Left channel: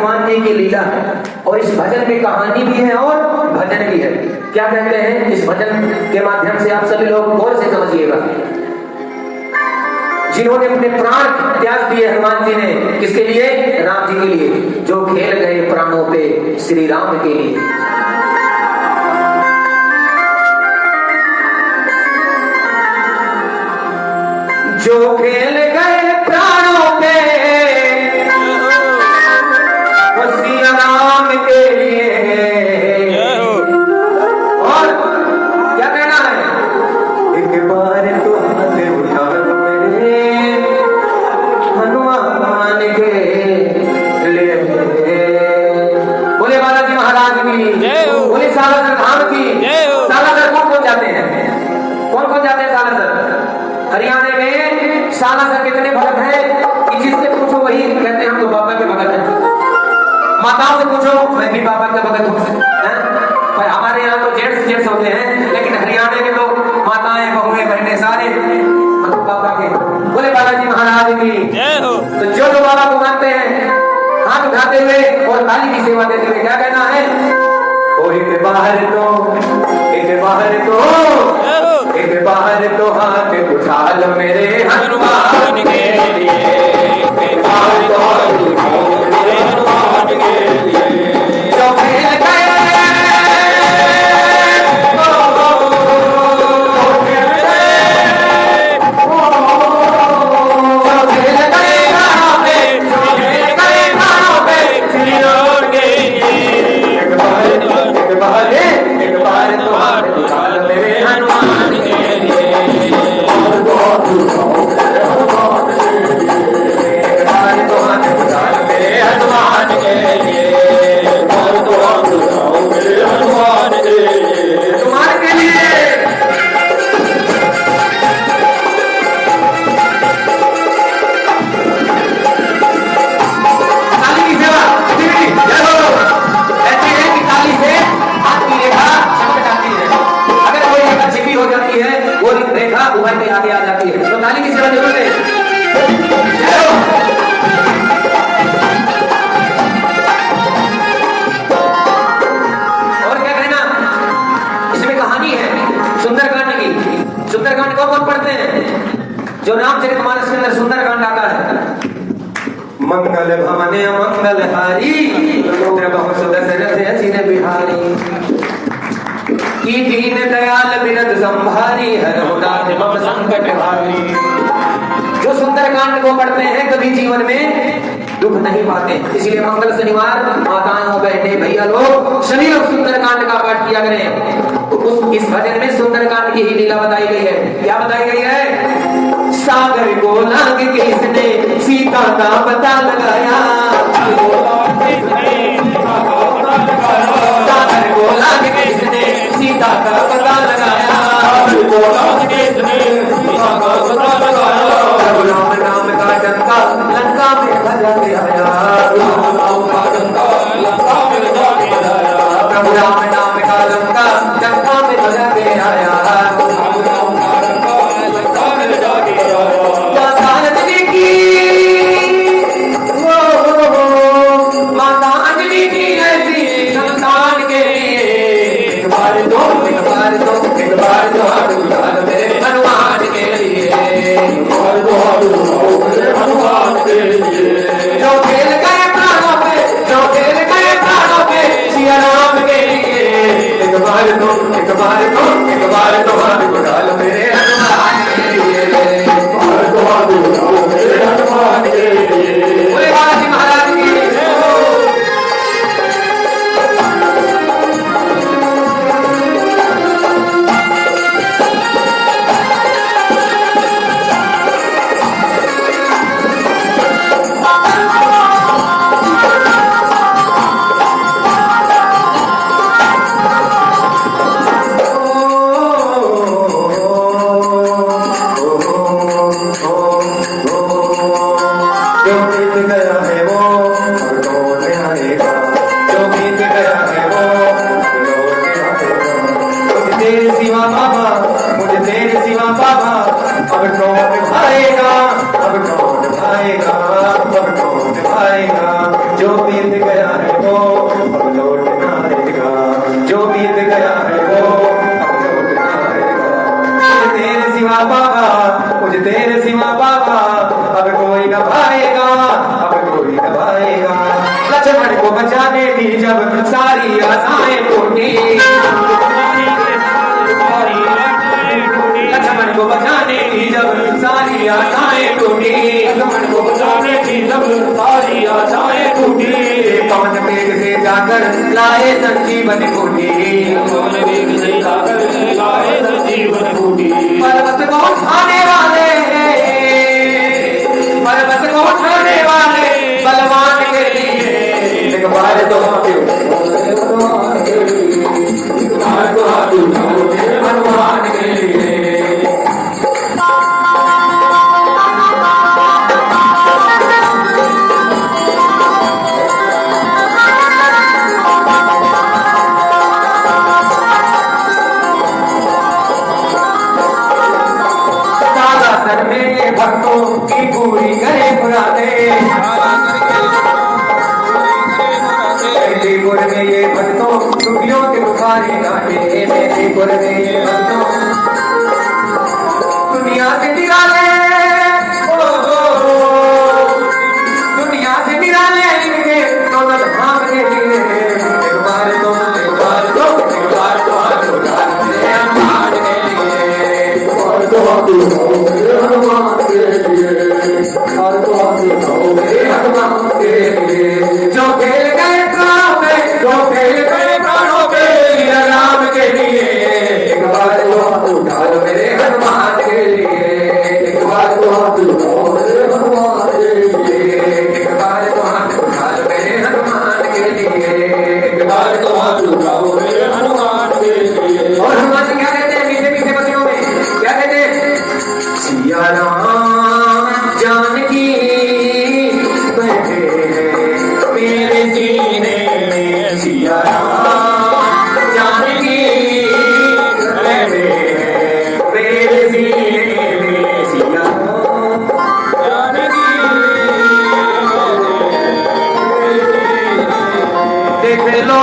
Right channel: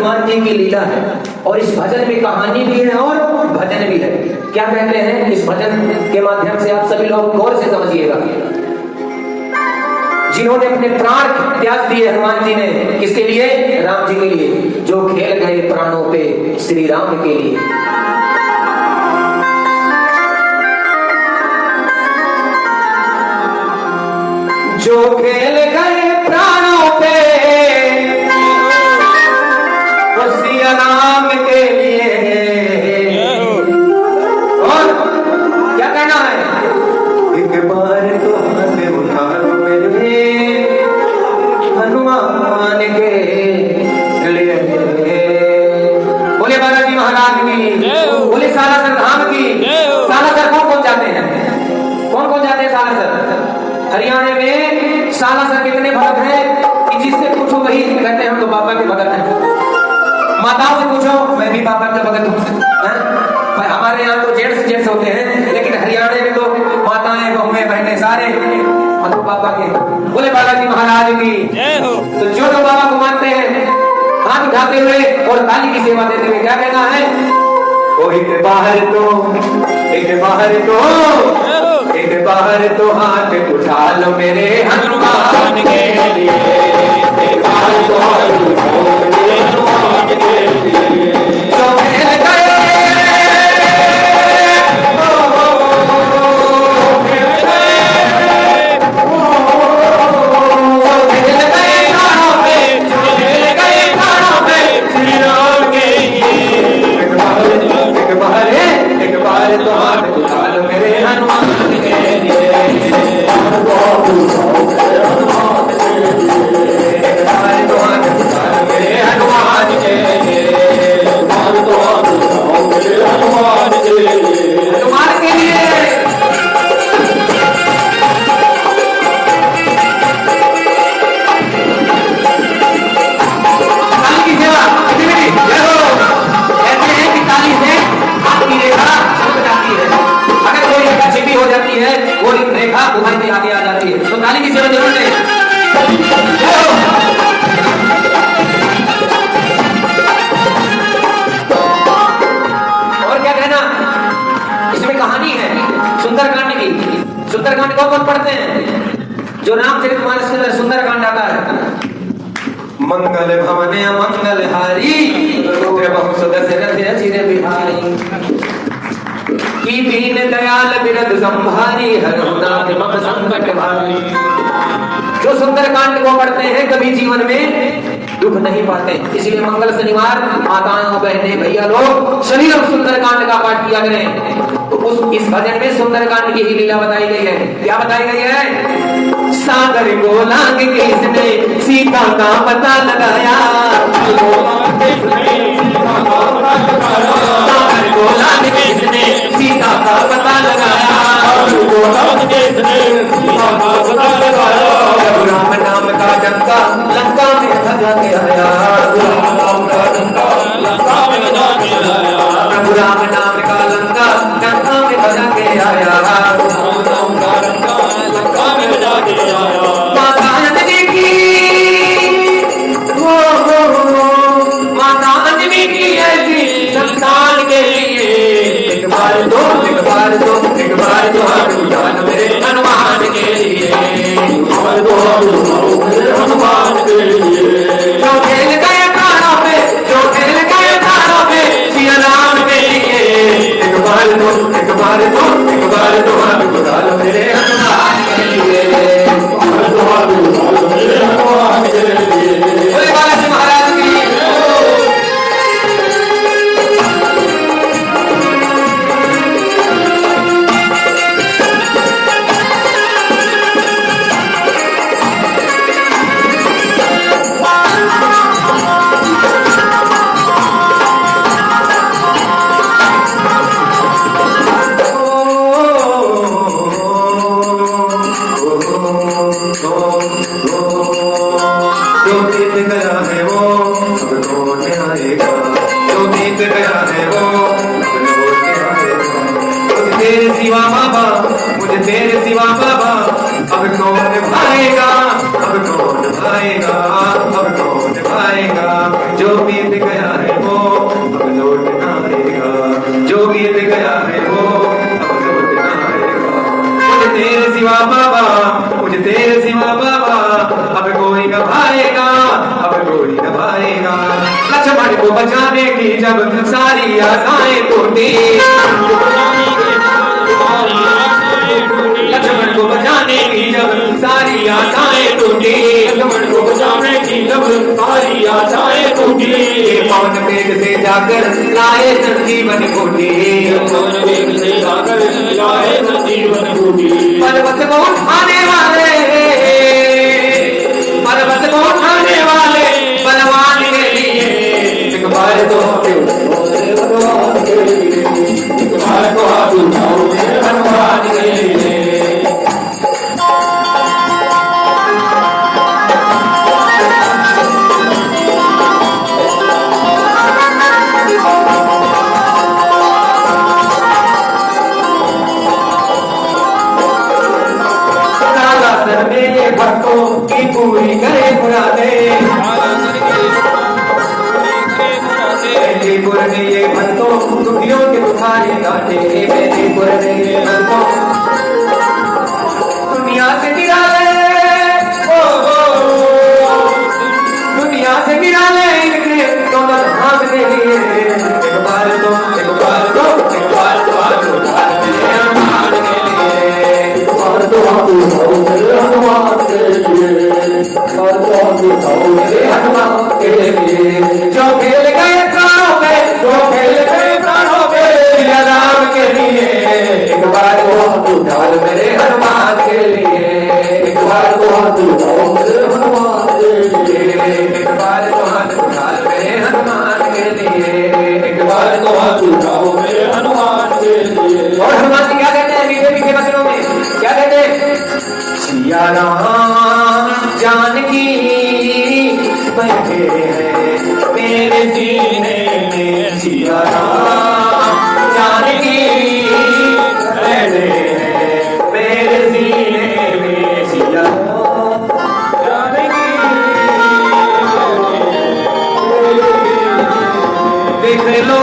हनुमान जी की लीला है। और इस भजन में कहानी भी है और भजन भी है। क्या कहते हैं इस भजन के माध्यम से आप सभी लोग गौर से समझिएगा। जिन्होंने अपने प्राण त्याग दिए हनुमान जी ने, किसके लिए? राम जी के लिए। जो खेल गए प्राणों पे श्री राम के लिए। जो खेल गए प्राणों पे वो श्री राम के लिए। और क्या कहना है? एक बार तो हाथ उठा लो मेरे हनुमान के लिए। बोले बालाजी महाराज की, बोले सालासर धाम की। सालासर कौन कौन जाते हैं? कौन कौन जाते हैं सालासर? हरियाणा में सालासर कितने भक्त हैं कि जिससे पूछो वही कहते हैं हम तो बाबा के भगत हैं। माताओं से पूछो, मैं भी बाबा का भगत हूँ। पर हमारे यहाँ तो जेंट्स होते हैं, लेकिन हरियाणा में तो माताएं, बहुएं, बहनें सारे मतलब बाबा के। बोले बालाजी महाराज की। तो जो बाबा को मानते हैं हाथ उठाते हुए और ताली की सेवा देते हुए क्या कहना है? ओ एक बाहर तो एक बाहर तो हाथ उठा लो मेरे हनुमान के लिए। एक बाहर तो हाथ उठा लो मेरे हनुमान के लिए। सुंदरकांड कौन पढ़ते हैं? जो रामचरितमानस के अंदर सुंदरकांड आता है। मंगल भवने मंगल हारी बहु सदस्य अचिर बिहारी की दीन दयाल बिरद संभारी हर मम संकट हारी। जो सुंदरकांड को पढ़ते हैं कभी जीवन में दुख नहीं पाते। इसलिए मंगल शनिवार माताओं, बहने, भैया लोग सभी लोग सुंदरकांड का पाठ किया करें। तो इस भजन में सुंदरकांड की ही लीला बताई गई है। क्या बताई गई है? सागर को लांग के इसने सीता का पता लगाया। सागर को लांग के इसने सीता का पता लगाया। राम नाम का डंका लंका में बजा के आया। राम नाम का डंका लंका में बजा के आया। प्रभु राम नाम का लंका लंका में बजा के आया। राम नाम का लंका लंका में बजा के आया। माता अंजलि की, माता अंजलि की ऐसी संतान के लिए एक बार दो हाथ उठा लो मेरे हनुमान के लिए। हनुमान के लिए जो खेल गए प्राणों पे, जो खेल गए प्राणों पे सिया राम के लिए। एक बार तो हाथ उठा लो मेरे हनुमान के लिए। हनुमान के लिए। बोले बालाजी महाराज की। जो बीत गया है वो लौट आएगा। जो बीत गया है वो लौट आएगा। मुझे तेरे सिवा बाबा, मुझे तेरे सिवा बाबा अब कौन भाएगा, अब कौन भाएगा, अब कौन भाएगा। जो बीत गया को बचाने की जब सारी आशाएं टूटी, लक्ष्मण को बचाने की जब सारी आशाएं टूटी, लक्ष्मण को बचाने की जब सारी आशाएं टूटी, पवन वेग से जाकर लाए संजीवन बूटी, पवन वेग से जाकर लाए संजीवन बूटी। पर्वत को उठाने वाले, पर्वत को उठाने वाले बलवान के लिए एक बार तो हनुमान के लिए, एक बार तो हाथ उठाओ हनुमान के लिए। भक्तों की पूरी करे मुरादे, मेदिनीपुर में ये भक्तों दुखियों के बुखारी गाते, मेदिनीपुर में ये भक्तों दुनिया से निराले, दुनिया से निराले इनके दौलत भागने लिए एक बार तो एक बार तो एक बार तो हाथ उठा ले हनुमान के लिए, एक बार तो हाथ उठाओ हनुमान के लिए, एक बार तो हाथ उठाओ हनुमान के लिए। जो खेल गए प्राणों पे, जो खेल गए प्राणों पे सिया राम के लिए एक बार तो हाथ उठा लो मेरे हनुमान के लिए, एक बार तो हाथ उठाओ हनुमान के लिए, एक बार तो हाथ उठा लो मेरे हनुमान के लिए, एक बार तो हाथ उठाओ हनुमान के लिए। और हनुमान जी क्या कहते हैं मीठे मीठे वचनों में, क्या कहते हैं? सिया राम जानकी बैठे हैं मेरे सीने में, सिया राम जानकी बैठे हैं मेरे सीने में, सिया राम जानकी देख लो